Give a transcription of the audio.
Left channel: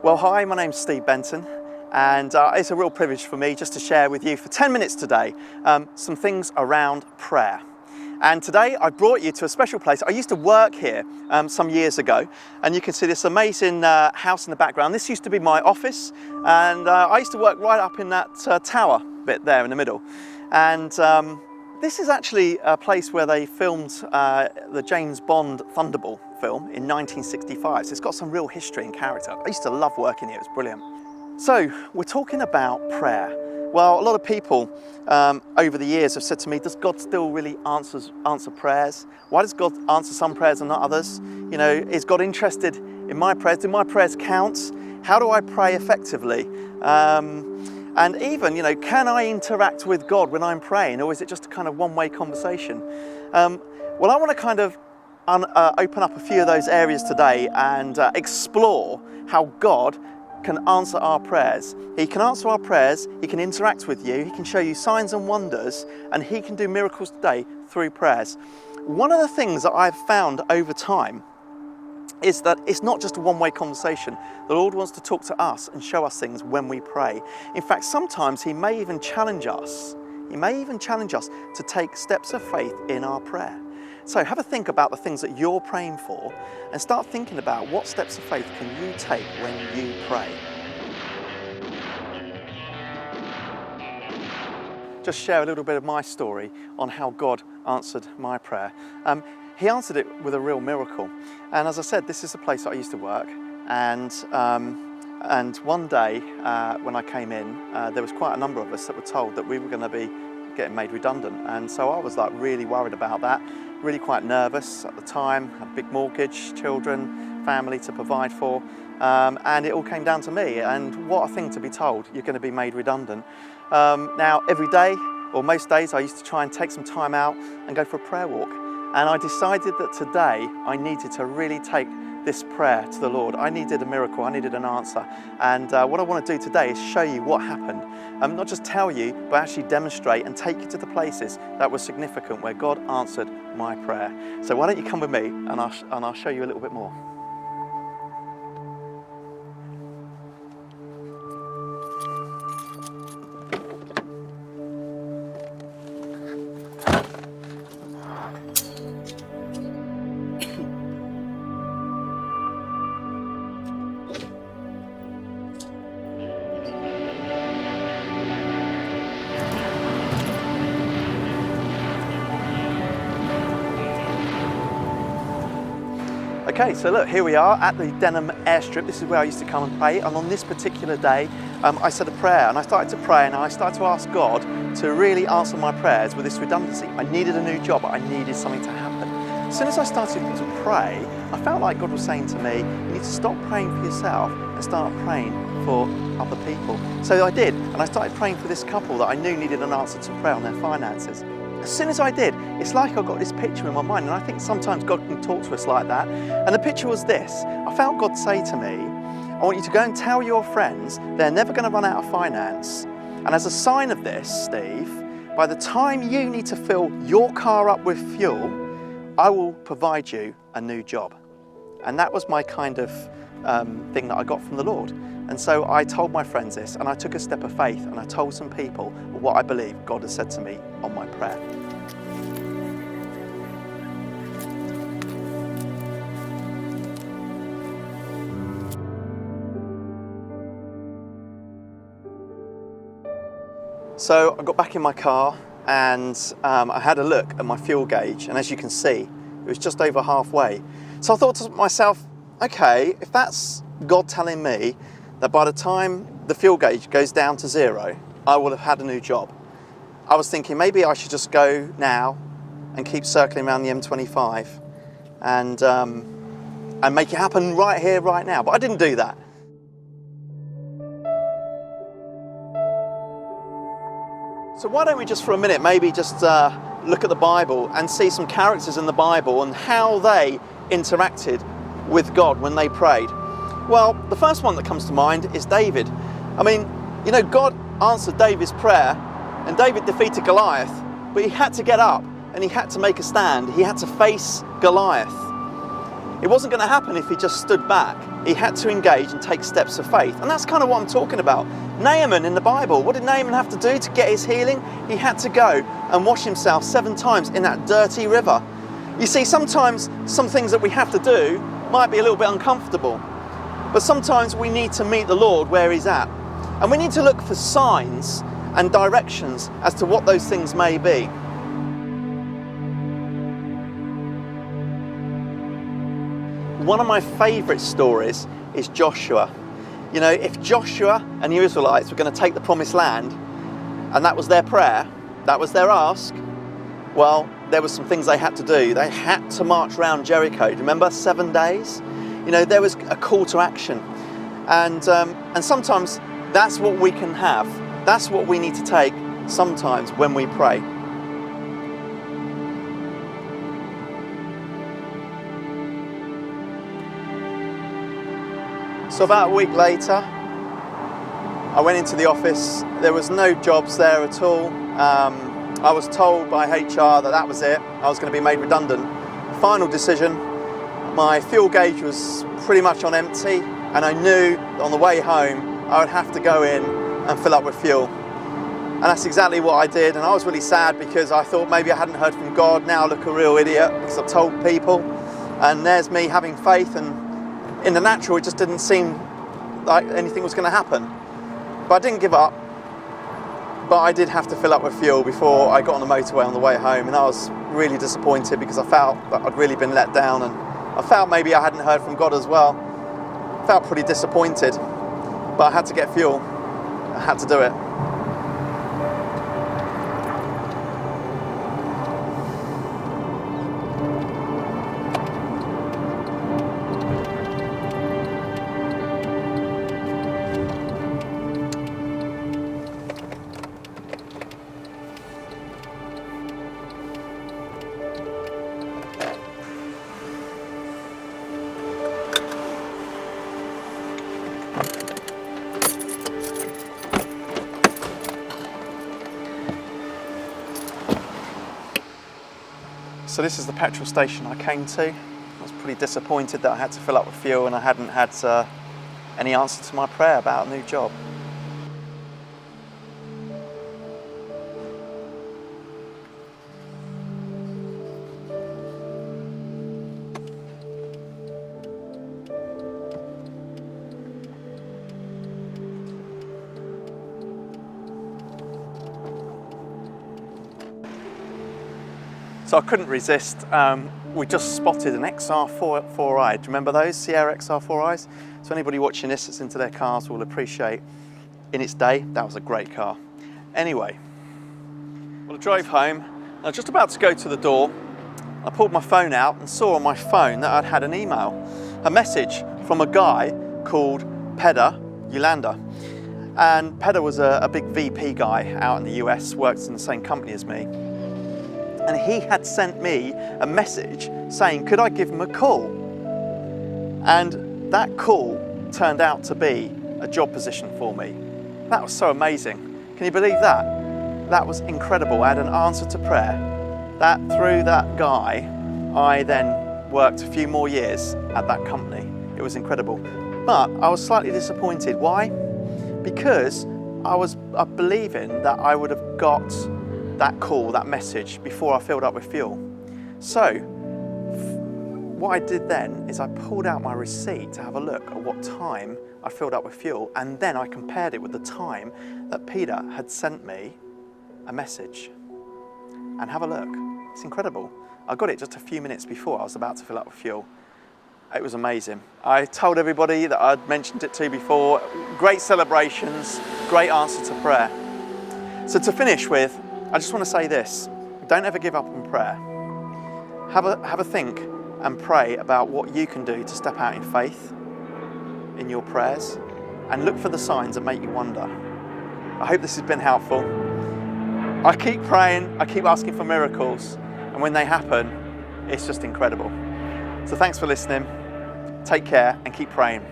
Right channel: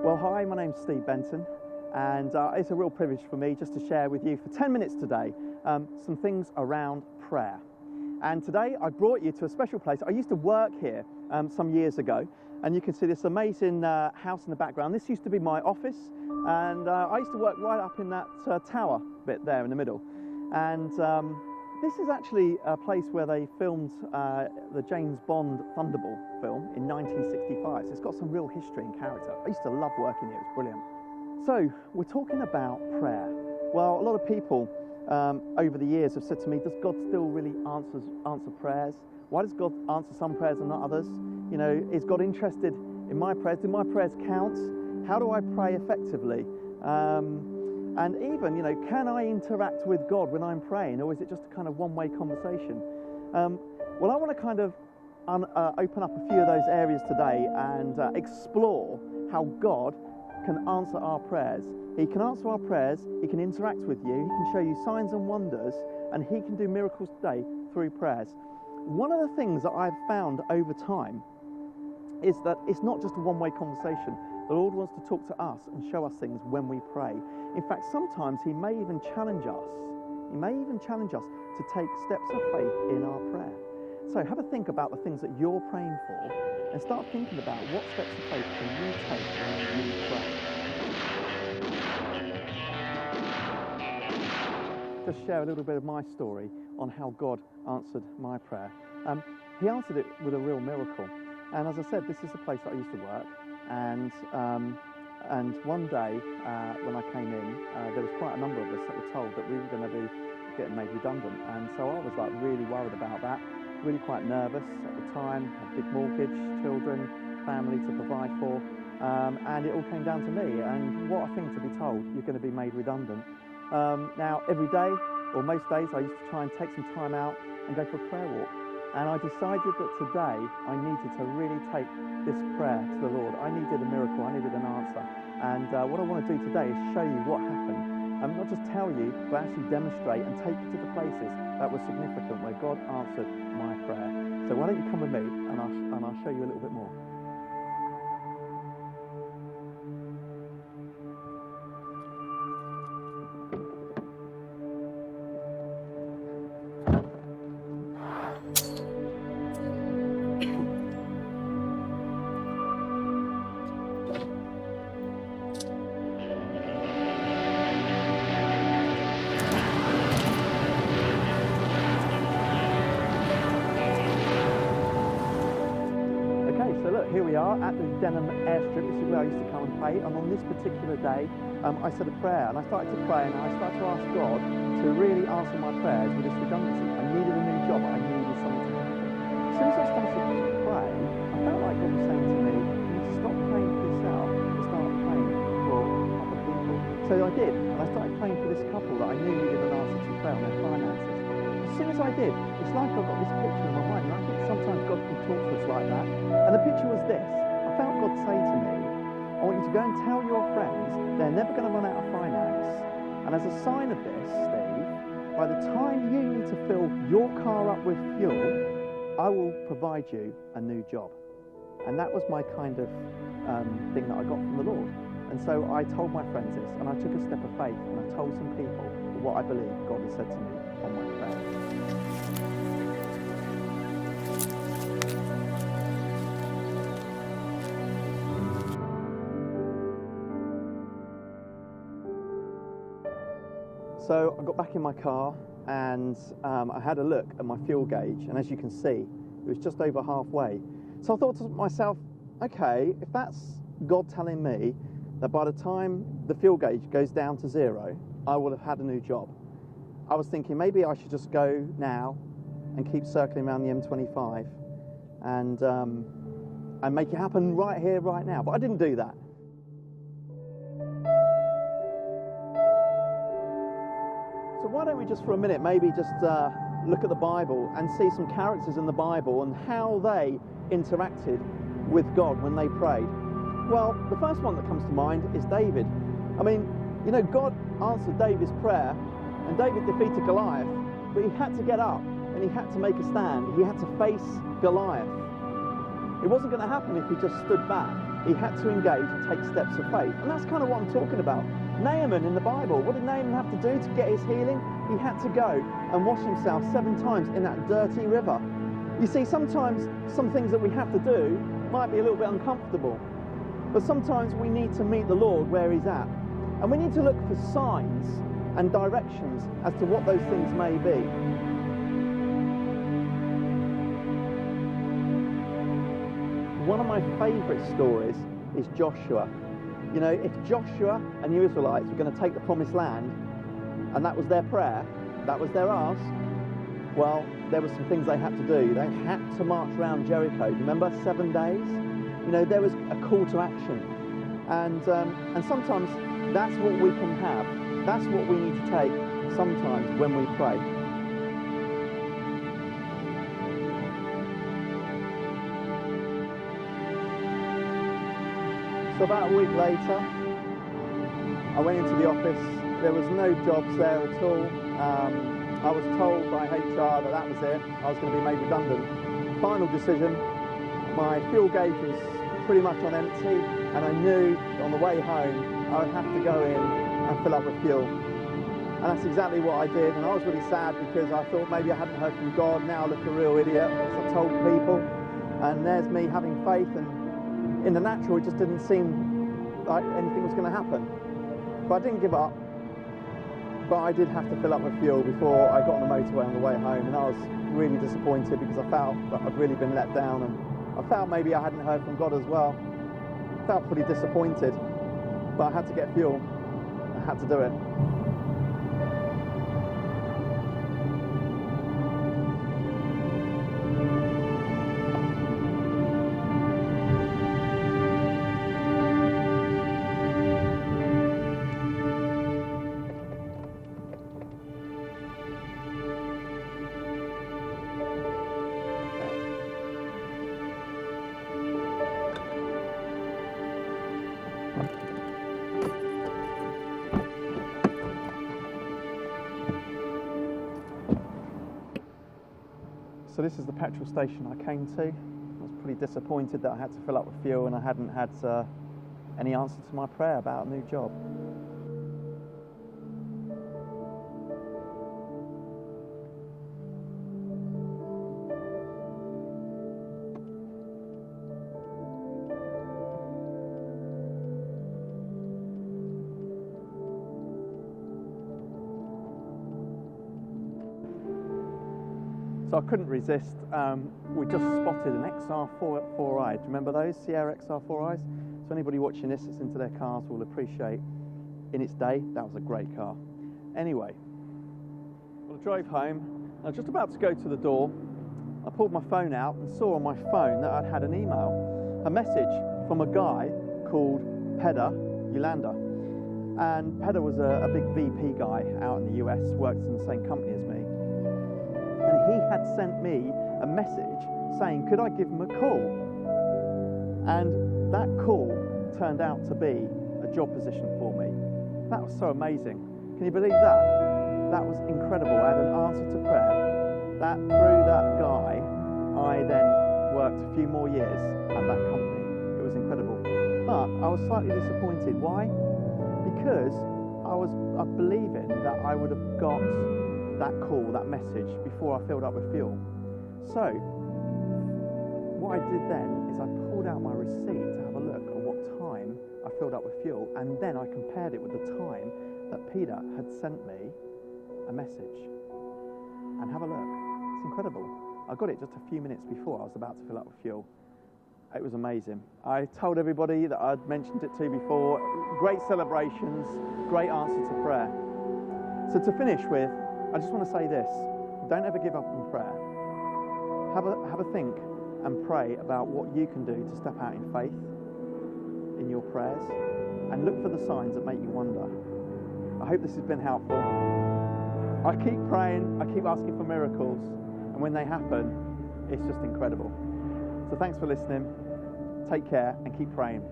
Well, hi, my name's Steve Benton, and it's a real privilege for me just to share with you for 10 minutes today some things around prayer. And today I brought you to a special place. I used to work here some years ago, and you can see this amazing house in the background. This used to be my office, and I used to work right up in that tower bit there in the middle. And this is actually a place where they filmed the James Bond Thunderball film in 1965. So it's got some real history and character. I used to love working here, it was brilliant. So we're talking about prayer. Well, a lot of people over the years have said to me, does God still really answer prayers? Why does God answer some prayers and not others? You know, is God interested in my prayers? Do my prayers count? How do I pray effectively? And even, you know, can I interact with God when I'm praying, or is it just a kind of one-way conversation? Well, I want to kind of open up a few of those areas today and explore how God can answer our prayers. He can answer our prayers, He can interact with you, He can show you signs and wonders, and He can do miracles today through prayers. One of the things that I've found over time is that it's not just a one-way conversation. The Lord wants to talk to us and show us things when we pray. In fact, sometimes He may even challenge us. He may even challenge us to take steps of faith in our prayer. So have a think about the things that you're praying for and start thinking about what steps of faith can you take when you pray. Just share a little bit of my story on how God answered my prayer. He answered it with a real miracle. And as I said, this is the place that I used to work. And one day when I came in, there was quite a number of us that were told that we were going to be getting made redundant. And so I was like really worried about that, really quite nervous at the time, had a big mortgage, children, family to provide for. And it all came down to me. And what a thing to be told, you're going to be made redundant. Now, every day, or most days, I used to try and take some time out and go for a prayer walk. And I decided that today I needed to really take this prayer to the Lord. I needed a miracle, I needed an answer. And what I want to do today is show you what happened. Not just tell you, but actually demonstrate and take you to the places that were significant where God answered my prayer. So why don't you come with me and I'll show you a little bit more. Okay, so look, here we are at the Denham airstrip. This is where I used to come and pray. And on this particular day, I said a prayer and I started to pray and I started to ask God to really answer my prayers with this redundancy. I needed a new job. I needed something to happen. As soon as I started to pray, I felt like God was saying to me, you need to stop praying for yourself and start praying for other people. So I did, and I started praying for this couple that I knew needed an answer to prayer on their finances. As soon as I did, it's like I got this picture in my mind, and I think sometimes God can talk to us like that. And the picture was this. I felt God say to me, I want you to go and tell your friends they're never going to run out of finance. And as a sign of this, Steve, by the time you need to fill your car up with fuel, I will provide you a new job. And that was my kind of thing that I got from the Lord. And so I told my friends this, and I took a step of faith, and I told some people what I believe God has said to me on my prayer. So I got back in my car and I had a look at my fuel gauge, and as you can see, it was just over halfway. So I thought to myself, okay, if that's God telling me that by the time the fuel gauge goes down to zero, I will have had a new job. I was thinking maybe I should just go now and keep circling around the M25 and make it happen right here, right now. But I didn't do that. So why don't we just for a minute maybe just look at the Bible and see some characters in the Bible and how they interacted with God when they prayed. Well, the first one that comes to mind is David. I mean, you know, God answered David's prayer and David defeated Goliath, but he had to get up and he had to make a stand. He had to face Goliath. It wasn't going to happen if he just stood back. He had to engage and take steps of faith. And that's kind of what I'm talking about. Naaman in the Bible, what did Naaman have to do to get his healing? He had to go and wash himself 7 times in that dirty river. You see, sometimes some things that we have to do might be a little bit uncomfortable. But sometimes we need to meet the Lord where he's at. And we need to look for signs and directions as to what those things may be. One of my favourite stories is Joshua. You know, if Joshua and the Israelites were going to take the promised land, and that was their prayer, that was their ask, well, there were some things they had to do. They had to march around Jericho. Remember, 7 days? You know, there was a call to action. And sometimes that's what we can have. That's what we need to take sometimes when we pray. So about a week later, I went into the office. There was no jobs there at all. I was told by HR that was it. I was going to be made redundant. Final decision, my fuel gauge was pretty much on empty, and I knew that on the way home I would have to go in and fill up with fuel. And that's exactly what I did, and I was really sad because I thought maybe I hadn't heard from God. Now I look a real idiot because I've told people, and there's me having faith, and in the natural, it just didn't seem like anything was going to happen. But I didn't give up. But I did have to fill up with fuel before I got on the motorway on the way home, and I was really disappointed because I felt that I'd really been let down, and I felt maybe I hadn't heard from God as well. I felt pretty disappointed, but I had to get fuel. I had to do it. So this is the petrol station I came to. I was pretty disappointed that I had to fill up with fuel and I hadn't had any answer to my prayer about a new job. So I couldn't resist. We just spotted an XR4i. Do you remember those, Sierra XR4is? So anybody watching this that's into their cars will appreciate, in its day, that was a great car. Anyway, well, I drove home. I was just about to go to the door. I pulled my phone out and saw on my phone that I'd had an email, a message from a guy called Peder Yolanda. And Peder was a big VP guy out in the US, worked in the same company as me. And he had sent me a message saying, could I give him a call? And that call turned out to be a job position for me. That was so amazing. Can you believe that? That was incredible. I had an answer to prayer. That through that guy, I then worked a few more years at that company. It was incredible. But I was slightly disappointed. Why? Because I was believing that I would have got that call, that message, before I filled up with fuel. So what I did then is I pulled out my receipt to have a look at what time I filled up with fuel, and then I compared it with the time that Peter had sent me a message. And have a look. It's incredible. I got it just a few minutes before I was about to fill up with fuel. It was amazing. I told everybody that I'd mentioned it to before. Great celebrations, great answer to prayer. So to finish with, I just want to say this. Don't ever give up in prayer. Have a think and pray about what you can do to step out in faith in your prayers, and look for the signs that make you wonder. I hope this has been helpful. I keep praying, I keep asking for miracles, and when they happen, it's just incredible. So thanks for listening. Take care and keep praying.